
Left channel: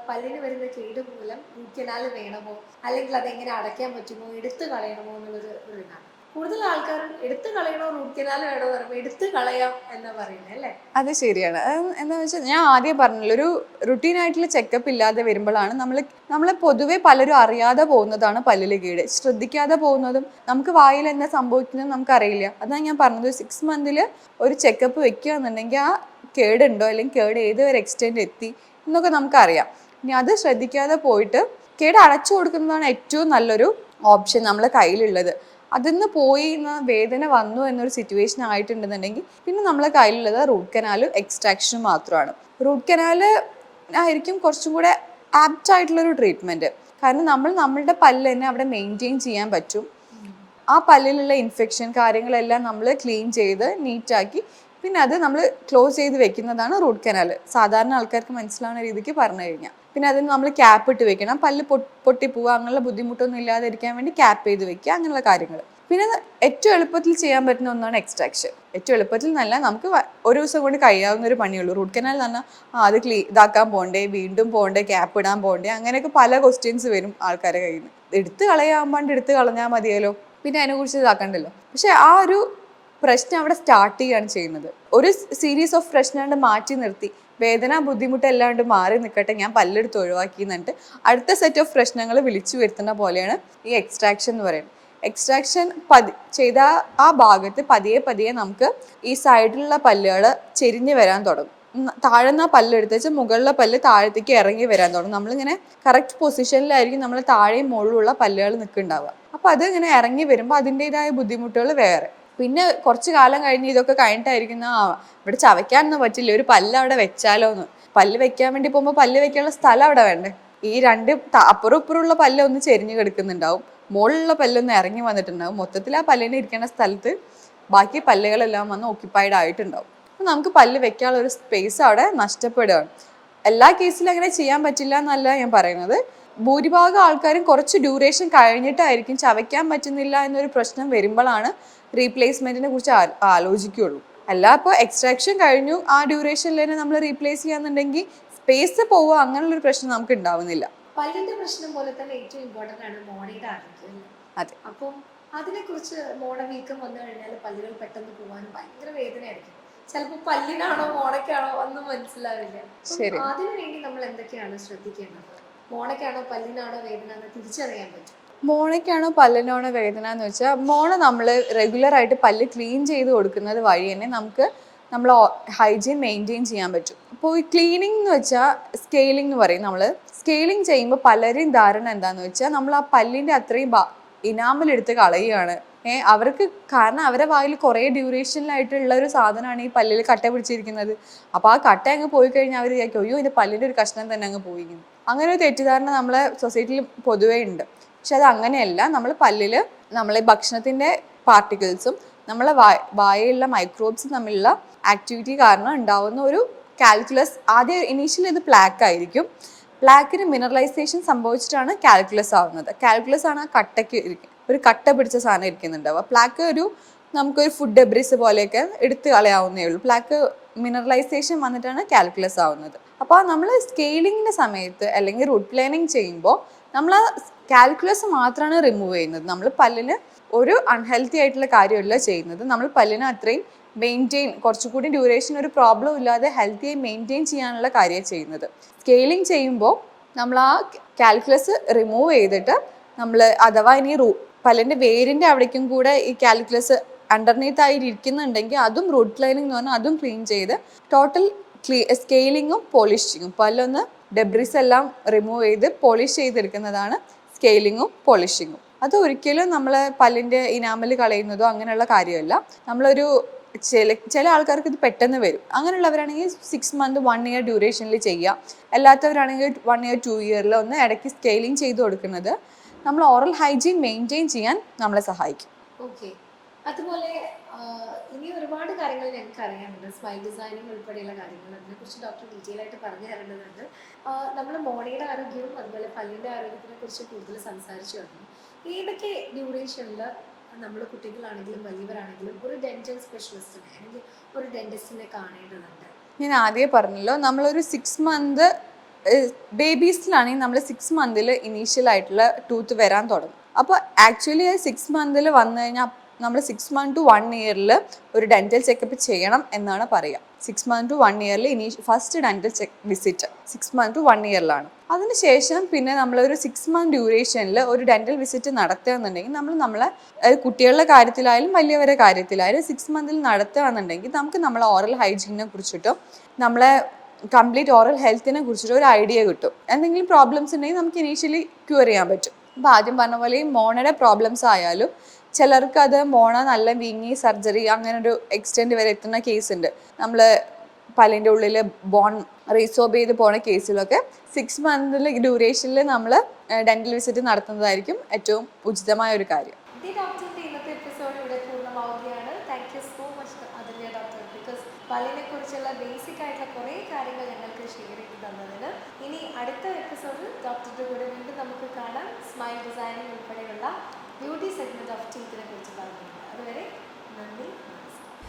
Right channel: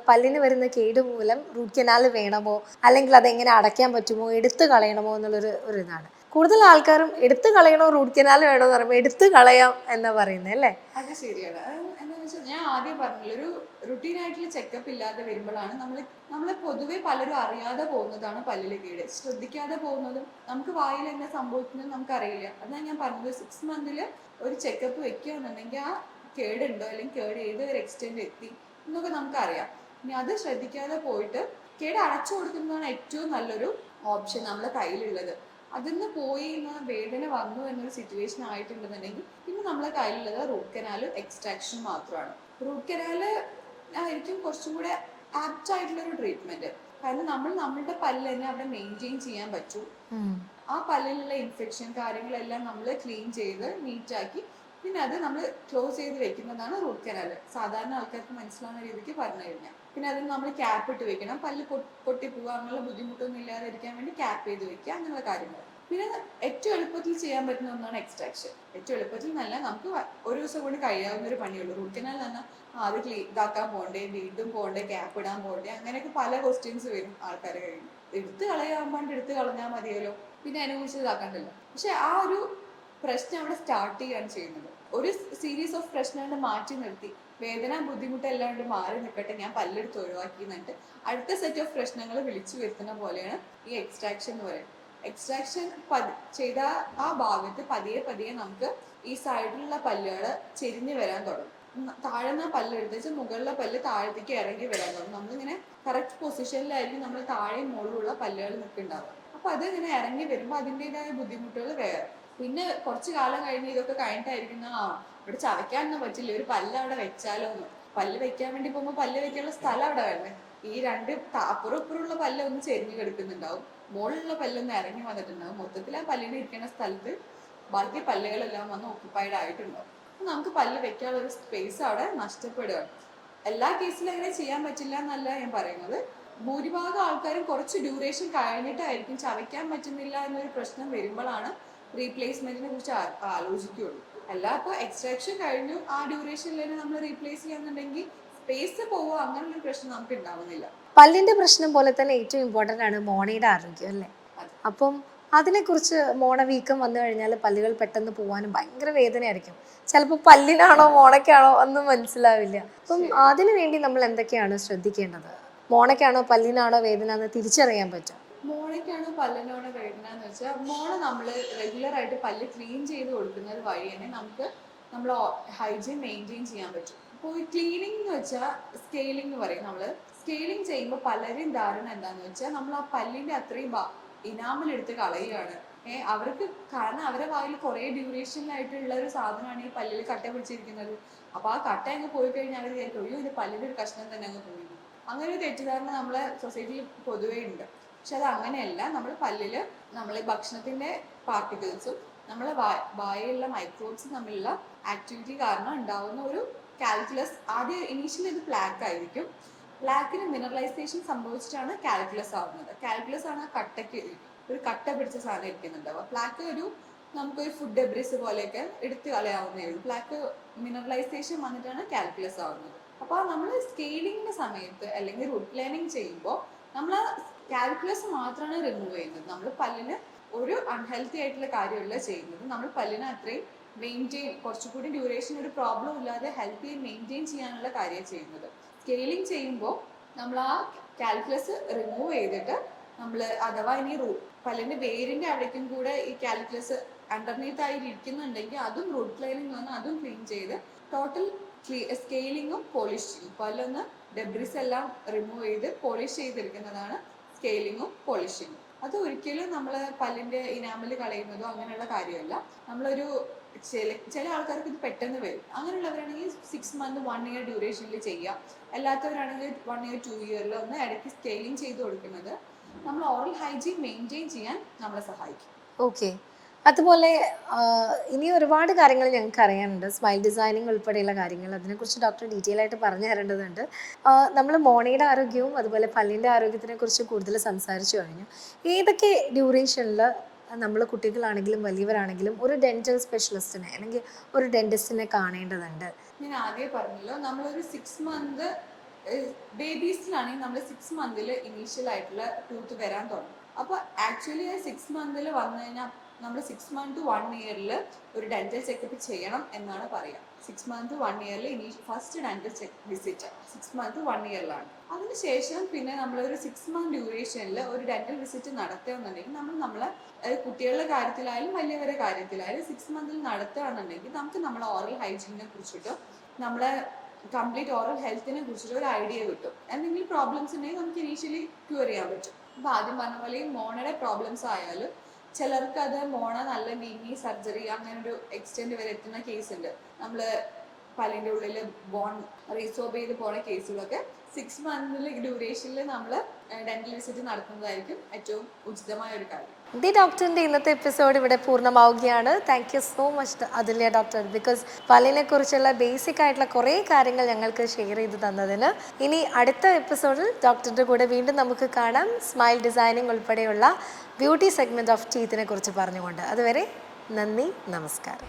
പല്ലിന് വരുന്ന കേട് മൂലം റൂട്ട് കനാൽ വേണമോ? അല്ലെങ്കിൽ അതെങ്ങനെ അടയ്ക്കാൻ പറ്റുമോ? എടുത്തു കളയണമോ? എന്നുള്ളൊരു ഒരു ഇതാണ്. കൂടുതൽ ആൾക്കാരും എടുത്തു കളയണോ റൂട്ട് കനാൽ വേണോ എന്ന് പറയുമ്പോൾ എടുത്തു കളയാം എന്നാ പറയുന്നത് അല്ലേ? അത് ശരിയാണ്. എന്താ വെച്ചാൽ ഞാൻ ആദ്യം പറഞ്ഞല്ലോ ഒരു റുട്ടീൻ ആയിട്ടുള്ള ചെക്കപ്പ് ഇല്ലാതെ വരുമ്പോഴാണ് നമ്മൾ നമ്മൾ പൊതുവെ പലരും അറിയാതെ പോകുന്നതാണ് പല്ലിൽ കീട്. ശ്രദ്ധിക്കാതെ പോകുന്നതും നമുക്ക് വായിൽ എന്താ സംഭവിക്കുന്നതും നമുക്ക് അറിയില്ല അതാണ് ഞാൻ പറഞ്ഞത് സിക്സ് മന്തിൽ ഒരു ചെക്കപ്പ് വെക്കുക എന്നുണ്ടെങ്കിൽ ആ കേടുണ്ടോ അല്ലെങ്കിൽ കേട് ഏത് വരെ എക്സ്റ്റെൻഡ് എത്തി എന്നൊക്കെ നമുക്കറിയാം. ഇനി അത് ശ്രദ്ധിക്കാതെ പോയിട്ട് കേട് അടച്ചു കൊടുക്കുന്നതാണ് ഏറ്റവും നല്ലൊരു ഓപ്ഷൻ നമ്മളെ കയ്യിലുള്ളത്. അതിന്ന് പോയി ന- വേദന വന്നു എന്നൊരു സിറ്റുവേഷൻ ആയിട്ടുണ്ടെന്നുണ്ടെങ്കിൽ പിന്നെ നമ്മളെ കയ്യിലുള്ളത് റൂട്ട് കനാലും എക്സ്ട്രാക്ഷനും മാത്രമാണ്. റൂട്ട് കനാല് ആയിരിക്കും കുറച്ചും കൂടെ ആപ്റ്റ് ആയിട്ടുള്ളൊരു ട്രീറ്റ്മെന്റ് കാരണം നമ്മൾ നമ്മളുടെ പല്ല് തന്നെ അവിടെ മെയിന്റെയിൻ ചെയ്യാൻ പറ്റും. ആ പല്ലിലുള്ള ഇൻഫെക്ഷൻ കാര്യങ്ങളെല്ലാം നമ്മൾ ക്ലീൻ ചെയ്ത് നീറ്റാക്കി പിന്നെ അത് നമ്മൾ ക്ലോസ് ചെയ്ത് വെക്കുന്നതാണ് റൂട്ട് കനാൽ സാധാരണ ആൾക്കാർക്ക് മനസ്സിലാവുന്ന രീതിക്ക് പറഞ്ഞു കഴിഞ്ഞാൽ പിന്നെ അതിന് നമ്മൾ ക്യാപ്പ് ഇട്ട് വെക്കണം. പല്ല് പൊട്ടി പൊട്ടിപ്പോവുക അങ്ങനെയുള്ള ബുദ്ധിമുട്ടൊന്നും ഇല്ലാതിരിക്കാൻ വേണ്ടി ക്യാപ്പ് ചെയ്ത് വെക്കുക അങ്ങനെയുള്ള കാര്യങ്ങൾ പിന്നെ ഏറ്റവും എളുപ്പത്തിൽ ചെയ്യാൻ പറ്റുന്ന ഒന്നാണ് എക്സ്ട്രാക്ഷൻ ഏറ്റവും എളുപ്പത്തിൽ നല്ല നമുക്ക് ഒരു ദിവസം കൊണ്ട് കഴിയാവുന്ന ഒരു പണിയുള്ളൂ. റൂട്ട് കനാൽ ആ അത് ക്ലീ ഇതാക്കാൻ പോകണ്ടേ വീണ്ടും പോകണ്ടേ ക്യാപ്പ് ഇടാൻ പോകണ്ടേ അങ്ങനെയൊക്കെ പല ക്വസ്റ്റ്യൻസ് വരും ആൾക്കാരെ കയ്യിൽ നിന്ന്. എടുത്ത് കളയാൻ എടുത്ത് കളഞ്ഞാൽ മതിയല്ലോ. പിന്നെ അതിനെക്കുറിച്ച് ഇതാക്കണ്ടല്ലോ. പക്ഷെ ആ ഒരു പ്രശ്നം അവിടെ സ്റ്റാർട്ട് ചെയ്യുകയാണ് ചെയ്യുന്നത്. ഒരു സീരീസ് ഓഫ് പ്രശ്നം മാറ്റി നിർത്തി. വേദന ബുദ്ധിമുട്ട് എല്ലാണ്ട് മാറി നിൽക്കട്ടെ ഞാൻ പല്ലെടുത്ത് ഒഴിവാക്കി എന്നിട്ട് അടുത്ത സെറ്റ് ഓഫ് പ്രശ്നങ്ങൾ വിളിച്ചു വരുത്തുന്ന പോലെയാണ് ഈ എക്സ്ട്രാക്ഷൻ എന്ന് പറയുന്നത്. എക്സ്ട്രാക്ഷൻ പതി ചെയ്ത ആ ഭാഗത്ത് പതിയെ പതിയെ നമുക്ക് ഈ സൈഡിലുള്ള പല്ലുകൾ ചെരിഞ്ഞു വരാൻ തുടങ്ങും. താഴ്ന്ന പല്ലെടുത്ത് വെച്ചാൽ മുകളിലെ പല്ല് താഴത്തേക്ക് ഇറങ്ങി വരാൻ തുടങ്ങും. നമ്മളിങ്ങനെ കറക്റ്റ് പൊസിഷനിലായിരിക്കും നമ്മൾ താഴെയും മുകളിലുള്ള പല്ലുകൾ നിൽക്കുന്നുണ്ടാവുക. അപ്പോൾ അത് ഇങ്ങനെ ഇറങ്ങി വരുമ്പോൾ അതിന്റെതായ ബുദ്ധിമുട്ടുകൾ വേറെ. പിന്നെ കുറച്ച് കാലം കഴിഞ്ഞ് ഇതൊക്കെ കഴിഞ്ഞിട്ടായിരിക്കും ആ ഇവിടെ ചവയ്ക്കാനൊന്നും പറ്റില്ല. ഒരു പല്ല് അവിടെ വെച്ചാലോ എന്ന് പല്ല് വെക്കാൻ വേണ്ടി പോകുമ്പോൾ പല്ല് വെക്കാനുള്ള സ്ഥലം അവിടെ വേണ്ടേ? ഈ രണ്ട് അപ്പുറം ഇപ്പുറമുള്ള പല്ല് ഒന്ന് ചെരിഞ്ഞ് കിടക്കുന്നുണ്ടാവും. മുകളിലുള്ള പല്ലൊന്ന് ഇറങ്ങി വന്നിട്ടുണ്ടാവും. മൊത്തത്തിൽ ആ പല്ലിന് ഇരിക്കേണ്ട സ്ഥലത്ത് ബാക്കി പല്ലുകളെല്ലാം വന്ന് ഓക്യുപ്പൈഡ് ആയിട്ടുണ്ടാവും. അപ്പോൾ നമുക്ക് പല്ല് വെക്കാനുള്ള ഒരു സ്പേസ് അവിടെ നഷ്ടപ്പെടുകയാണ്. എല്ലാ കേസിലും അങ്ങനെ ചെയ്യാൻ പറ്റില്ല എന്നല്ല ഞാൻ പറയുന്നത്. ഭൂരിഭാഗം ആൾക്കാരും കുറച്ച് ഡ്യൂറേഷൻ കഴിഞ്ഞിട്ടായിരിക്കും ചവയ്ക്കാൻ പറ്റുന്നില്ല എന്നൊരു പ്രശ്നം വരുമ്പോഴാണ് റീപ്ലേസ്മെന്റിനെ കുറിച്ച് ആലോചിക്കുകയുള്ളൂ അല്ല ഇപ്പോൾ എക്സ്ട്രാക്ഷൻ കഴിഞ്ഞു. ആ ഡ്യൂറേഷനിൽ തന്നെ നമ്മൾ റീപ്ലേസ് ചെയ്യാന്നുണ്ടെങ്കിൽ സ്പേസ് പോവുക അങ്ങനെയുള്ളൊരു പ്രശ്നം നമുക്ക് ഉണ്ടാവുന്നില്ല. പല്ലിന്റെ പ്രശ്നം പോലെ തന്നെ ഏറ്റവും ഇമ്പോർട്ടന്റ് ആണ് മോണയുടെ ആരോഗ്യം അല്ലേ? അതെ. അപ്പം അതിനെക്കുറിച്ച് മോണ വീക്കം വന്നു കഴിഞ്ഞാൽ പല്ലുകൾ പെട്ടെന്ന് പോകാനും ഭയങ്കര വേദനയായിരിക്കും. ചിലപ്പോൾ പല്ലിനാണോ മോണയ്ക്കാണോ ഒന്നും മനസ്സിലാവില്ല. അപ്പം. അതിനു വേണ്ടി നമ്മൾ എന്തൊക്കെയാണ് ശ്രദ്ധിക്കേണ്ടത്? മോണയ്ക്കാണോ പല്ലിനാണോ വേദന എന്ന് തിരിച്ചറിയാൻ പറ്റും. മോണയ്ക്കാണോ പല്ലിനാണോ വേദന എന്ന് വെച്ചാൽ മോണ നമ്മൾ റെഗുലറായിട്ട് പല്ല് ക്ലീൻ ചെയ്ത് കൊടുക്കുന്നത് വഴി തന്നെ നമുക്ക് നമ്മൾ ഹൈജീൻ മെയിന്റെയിൻ ചെയ്യാൻ പറ്റും. അപ്പോൾ ഈ ക്ലീനിങ് എന്ന് വെച്ചാൽ സ്കെയിലിംഗ് എന്ന് പറയും നമ്മൾ സ്കെയിലിംഗ് ചെയ്യുമ്പോൾ പലരെയും ധാരണ എന്താണെന്ന് വെച്ചാൽ നമ്മൾ ആ പല്ലിന്റെ അത്രയും ഇനാമൽ കളയുകയാണ് ഏഹ് അവർക്ക് കാരണം അവരെ വായിൽ കുറേ ഡ്യൂറേഷനിലായിട്ടുള്ള ഒരു സാധനമാണ് ഈ പല്ലിൽ കട്ട പിടിച്ചിരിക്കുന്നത്. അപ്പോൾ ആ കട്ട അങ്ങ് പോയി കഴിഞ്ഞാൽ അവർ വിചാരിക്കും അയ്യോ ഇതിന്റെ പല്ലിന്റെ ഒരു കഷ്ണം തന്നെ അങ്ങ് പോയിരിക്കുന്നു. അങ്ങനെ ഒരു തെറ്റിദ്ധാരണ നമ്മളെ സൊസൈറ്റിയിൽ പൊതുവേ ഉണ്ട്. പക്ഷെ അത് അങ്ങനെയല്ല. നമ്മൾ പല്ലിൽ നമ്മളെ ഭക്ഷണത്തിന്റെ പാർട്ടിക്കിൾസും നമ്മളെ വായ വായയിലുള്ള മൈക്രോബ്സും തമ്മിലുള്ള ആക്ടിവിറ്റി കാരണം ഉണ്ടാവുന്ന ഒരു കാൽക്കുലസ് ആദ്യം ഇനീഷ്യൽ ഇത് പ്ലാക്ക് ആയിരിക്കും. പ്ലാക്കിന് മിനറലൈസേഷൻ സംഭവിച്ചിട്ടാണ് കാൽക്കുലസ് ആവുന്നത്. കാൽക്കുലസ് ആണ് ആ കട്ടയ്ക്ക് ഒരു കട്ട പിടിച്ച സാധനം ഇരിക്കുന്നുണ്ടാവുക പ്ലാക്ക് ഒരു നമുക്കൊരു ഫുഡ് ഡെബ്രിസ് പോലെയൊക്കെ എടുത്ത് കളയാവുന്നേ ഉള്ളൂ. പ്ലാക്ക് മിനറലൈസേഷൻ വന്നിട്ടാണ് കാൽക്കുലസ് ആവുന്നത്. അപ്പോൾ നമ്മൾ സ്കെയിലിങ്ങിന്റെ സമയത്ത് അല്ലെങ്കിൽ റൂട്ട് പ്ലാനിങ് ചെയ്യുമ്പോൾ നമ്മൾ ആ കാൽക്കുലസ് മാത്രമാണ് റിമൂവ് ചെയ്യുന്നത്. നമ്മൾ പല്ലിന് ഒരു അൺഹെൽത്തി ആയിട്ടുള്ള കാര്യമല്ല ചെയ്യുന്നത്. നമ്മൾ പല്ലിന് അത്രയും മെയിന്റെയിൻ കുറച്ചുകൂടി ഡ്യൂറേഷൻ ഒരു പ്രോബ്ലം ഇല്ലാതെ ഹെൽത്തിയായി മെയിന്റെയിൻ ചെയ്യാനുള്ള കാര്യമാണ് ചെയ്യുന്നത്. സ്കെയിലിംഗ് ചെയ്യുമ്പോൾ നമ്മൾ ആ കാൽക്കുലസ് റിമൂവ് ചെയ്തിട്ട് നമ്മൾ അഥവാ ഇനി റൂ പല്ലിന്റെ വേരിന്റെ അവിടേക്കും കൂടെ ഈ കാൽക്കുലസ് അണ്ടർനീത്ത് ആയി ഇരിക്കുന്നുണ്ടെങ്കിൽ അതും റൂട്ട് ലൈനിങ് എന്ന് പറഞ്ഞാൽ അതും ക്ലീൻ ചെയ്ത് ടോട്ടൽ ക്ലീ സ്കെയിലിങ്ങും പോളിഷിങ്ങും പല്ലൊന്ന് ഡെബ്രിസ് എല്ലാം റിമൂവ് ചെയ്ത് പോളിഷ് ചെയ്തെടുക്കുന്നതാണ് സ്കെയിലിങ്ങും പോളിഷിങ്ങും. അത് ഒരിക്കലും നമ്മൾ പല്ലിന്റെ ഇനാമൽ കളയുന്നതോ അങ്ങനെയുള്ള കാര്യമല്ല. നമ്മളൊരു ചില ചില ആൾക്കാർക്ക് ഇത് പെട്ടെന്ന് വരും. അങ്ങനെയുള്ളവരാണെങ്കിൽ സിക്സ് മന്ത് വൺ ഇയർ ഡ്യൂറേഷനിൽ ചെയ്യാം അല്ലാത്തവരാണെങ്കിൽ വൺ ഇയർ ടു ഇയറിൽ ഒന്ന് ഇടയ്ക്ക് സ്കെയിലിംഗ് ചെയ്ത് കൊടുക്കുന്നത്. നമ്മൾ ഓറൽ ഹൈജീൻ മെയിന്റെയിൻ ചെയ്യാൻ നമ്മളെ സഹായിക്കും. ഓക്കെ അതുപോലെ ഇനി ഒരുപാട് കാര്യങ്ങൾ ഞങ്ങൾക്ക് അറിയാനുണ്ട്. സ്മൈൽ ഡിസൈനിങ് ഉൾപ്പെടെയുള്ള കാര്യങ്ങൾ. അതിനെക്കുറിച്ച് ഡോക്ടർ ഡീറ്റെയിൽ ആയിട്ട് പറഞ്ഞു തരേണ്ടതുണ്ട്. നമ്മൾ മോണയുടെ ആരോഗ്യവും അതുപോലെ പല്ലിന്റെ ആരോഗ്യത്തിനെ കുറിച്ച് കൂടുതൽ സംസാരിച്ചു കഴിഞ്ഞു. ഏതൊക്കെ ഡ്യൂറേഷനിൽ നമ്മൾ കുട്ടികളാണെങ്കിലും വലിയവരാണെങ്കിലും ഒരു ഡെന്റൽ സ്പെഷ്യലിസ്റ്റിനെ അല്ലെങ്കിൽ ഒരു ഡെന്റിസ്റ്റിനെ കാണേണ്ടതുണ്ട്? ഞാൻ ആദ്യമേ പറഞ്ഞല്ലോ നമ്മളൊരു സിക്സ് മന്ത് ബേബീസിലാണെങ്കിൽ നമ്മൾ സിക്സ് മന്തിൽ ഇനീഷ്യൽ ആയിട്ടുള്ള ടൂത്ത് വരാൻ തുടങ്ങും. അപ്പോൾ ആക്ച്വലി സിക്സ് മന്തിൽ വന്നു കഴിഞ്ഞാൽ നമ്മൾ സിക്സ് മന്ത് ടു വൺ ഇയറിൽ ഒരു ഡെന്റൽ ചെക്കപ്പ് ചെയ്യണം എന്നാണ് പറയുക സിക്സ് മന്ത് ടു വൺ ഇയറിൽ ഇനി first dental check visit six month to one ഇയറിലാണ് അതിനുശേഷം പിന്നെ നമ്മൾ ഒരു സിക്സ് മന്ത് ഡ്യൂറേഷനിൽ ഒരു ഡെന്റൽ വിസിറ്റ് നടത്തുകയെന്നുണ്ടെങ്കിൽ നമ്മൾ നമ്മളെ കുട്ടികളുടെ കാര്യത്തിലായാലും വലിയവരുടെ കാര്യത്തിലായാലും സിക്സ് മന്തിൽ നടത്തുകയാണെന്നുണ്ടെങ്കിൽ നമുക്ക് നമ്മളെ ഓറൽ ഹൈജീനെ കുറിച്ചിട്ടും നമ്മളെ കംപ്ലീറ്റ് ഓറൽ ഹെൽത്തിനെ കുറിച്ചിട്ട് ഒരു ഐഡിയ കിട്ടും. എന്തെങ്കിലും പ്രോബ്ലംസ് ഉണ്ടെങ്കിൽ നമുക്ക് ഇനീഷ്യലി ക്യൂർ ചെയ്യാൻ പറ്റും. അപ്പോൾ ആദ്യം പറഞ്ഞ പോലെ ഈ മോണയുടെ പ്രോബ്ലംസ് ആയാലും ചിലർക്ക് അത് മോണ നല്ല വീങ്ങി സർജറി അങ്ങനെ ഒരു എക്സ്റ്റെൻഡ് വരെ എത്തുന്ന കേസ് ഉണ്ട്. നമ്മൾ പല്ലിന്റെ ഉള്ളിൽ ബോൺ റീസോബ് ചെയ്ത് പോണ കേസിലൊക്കെ സിക്സ് മന്തിൽ ഡ്യൂറേഷനിൽ നമ്മൾ ഡെന്റൽ വിസിറ്റ് നടത്തുന്നതായിരിക്കും ഏറ്റവും ഉചിതമായ ഒരു കാര്യം. ദി ഡോക്ടറിന്റെ ഇന്നത്തെ എപ്പിസോഡ് ഇവിടെ പൂർണമാവുകയാണ്. Thank you so much Athulya doctor. Because പല്ലിനെ കുറിച്ചുള്ള ബേസിക് ആയിട്ടുള്ള കുറേ കാര്യങ്ങൾ ഞങ്ങൾക്ക് ഷെയർ ചെയ്ത് തന്നതിന്. ഇനി അടുത്ത എപ്പിസോഡിൽ ഡോക്ടറുടെ കൂടെ വീണ്ടും നമുക്ക് കാണാം. സ്മൈൽ ഡിസൈനിങ് ഉൾപ്പെടെയുള്ള ബ്യൂട്ടി സെഗ്മെന്റ് ഓഫ് ടീത്തിനെ കുറിച്ച് പറഞ്ഞുകൊണ്ട്. അതുവരെ നന്ദി നമസ്കാരം.